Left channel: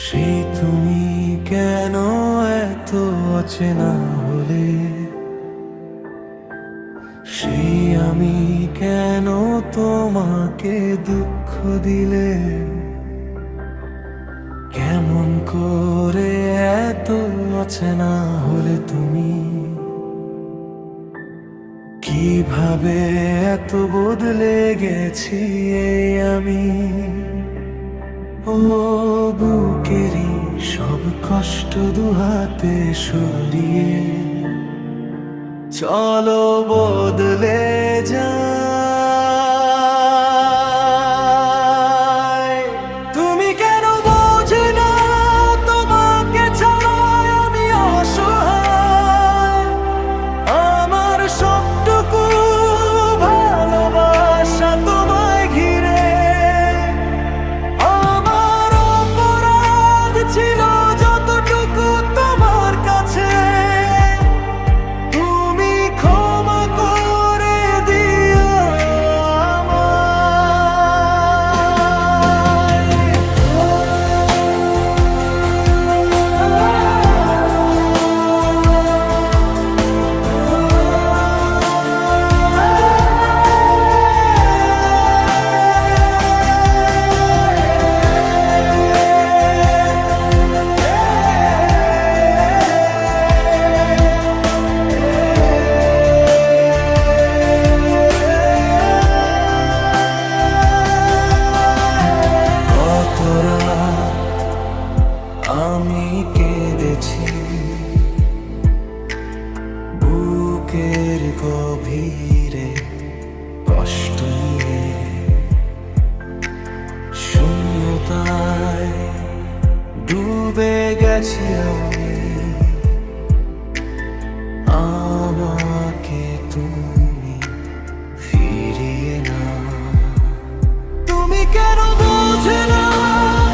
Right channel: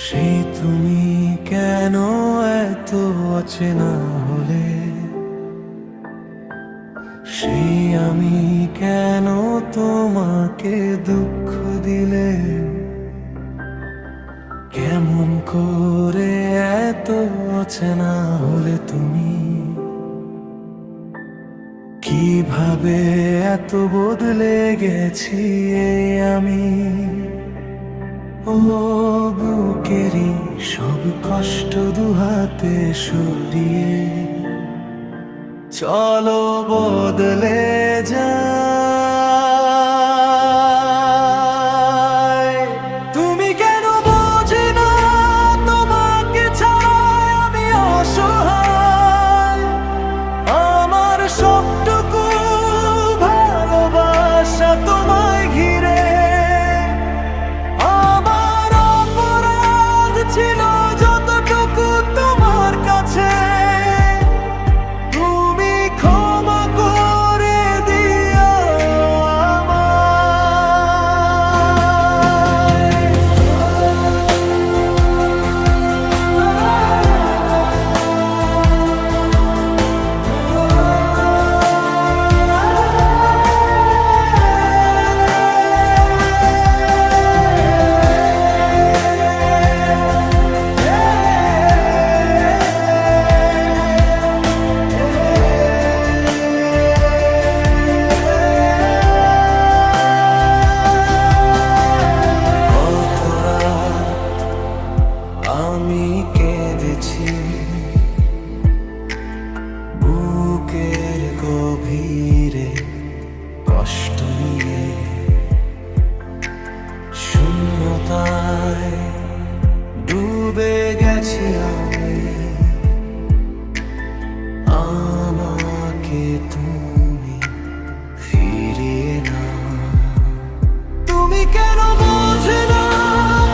সেই তুমি কেন এত অচেনা হলে, সেই আমি কেন তোমাকে দুঃখ দিলে, কেমন করে এত অচেনা হলে তুমি, কিভাবে এত বদলে গেছি এই আমি। ও বুকেরই সব কষ্ট দুহাতে সরিয়ে চলো বদলে যাই। তুমি কেন বোঝে না তোমাকে ছাড়া আমি অসহায়, আমার সবটুকু ভালোবাসা তোমায় ঘিরে। আমার অপরাধ ছিল যতটুকু তোমার কাছে, তুমি ক্ষমা করে দিও আমি কেঁদেছি বুকের গভীরে কষ্ট নিয়ে, শূন্যতায় ডুবে গেছি আমি। আমাকে তুমি ফিরিয়ে না। তুমি কেন বোঝে না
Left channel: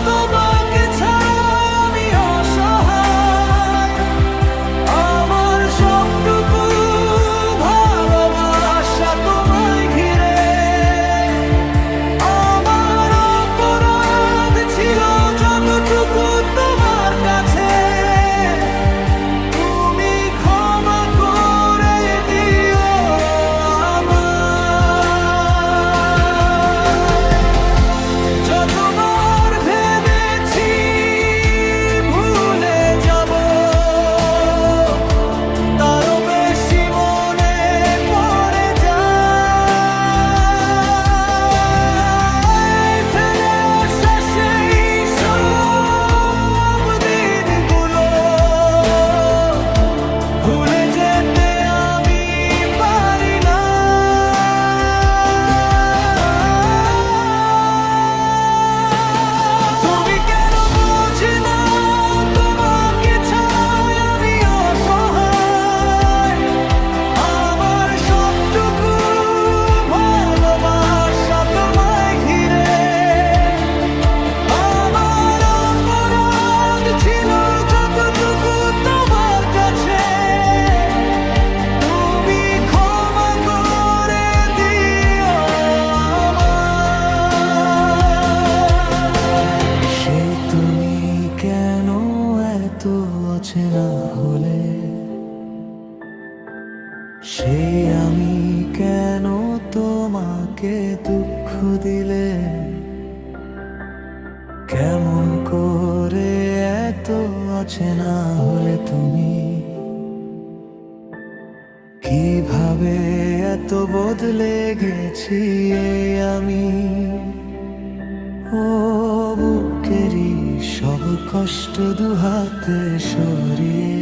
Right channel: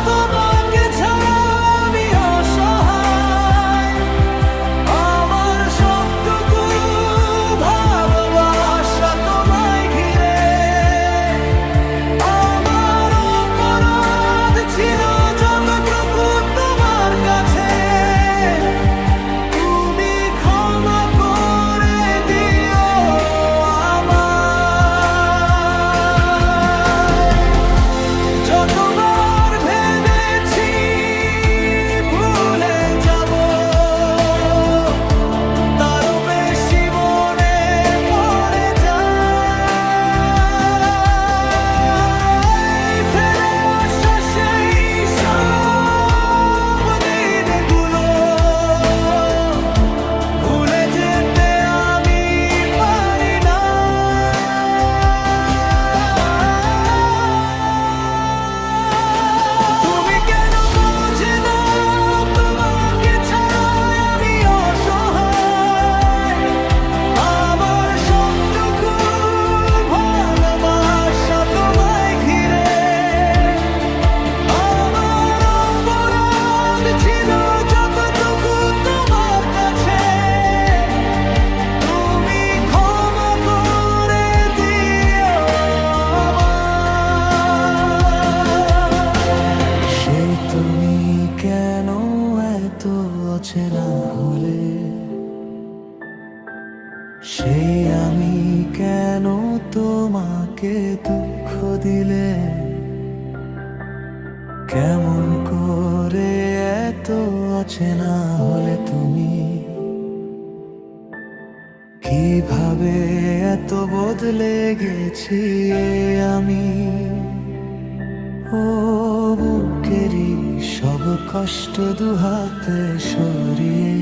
তোমাকে ছাড়া আমি অসহায়, আমার সবটুকু ভালোবাসা তোমায় ঘিরে। আমার অপরাধ ছিল যতটুকু তোমার কাছে, তুমি ক্ষমা করে দিও আমায়। যতবার ভেবেছি ভুলে যাব, তারও বেশি মনে পড়ে যায়। ফেলে আসা সেই সব দিনগুলো ভুলে যেতে আমি পারি না। তুমি কেন বোঝে না তোমাকে ছাড়া আমি অসহায়, আমার সবটুকু ভালোবাসা তোমায় ঘিরে। আমার অপরাধ ছিল যতটুকু তোমার কাছে, তুমি ক্ষমা করে দিও আমায়। সেই তুমি কেন এত অচেনা হলে, সেই আমি কেন তোমাকে দুঃখ দিলে, কেমন করে এত অচেনা হলে তুমি, কিভাবে এত বদলে গেছি এই আমি। ও বুকেরই সব কষ্ট দুহাতে সরিয়ে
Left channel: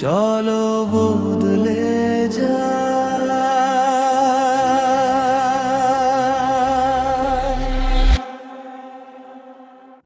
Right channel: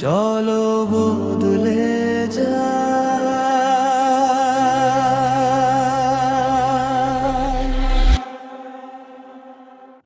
চলো বদলে যাই।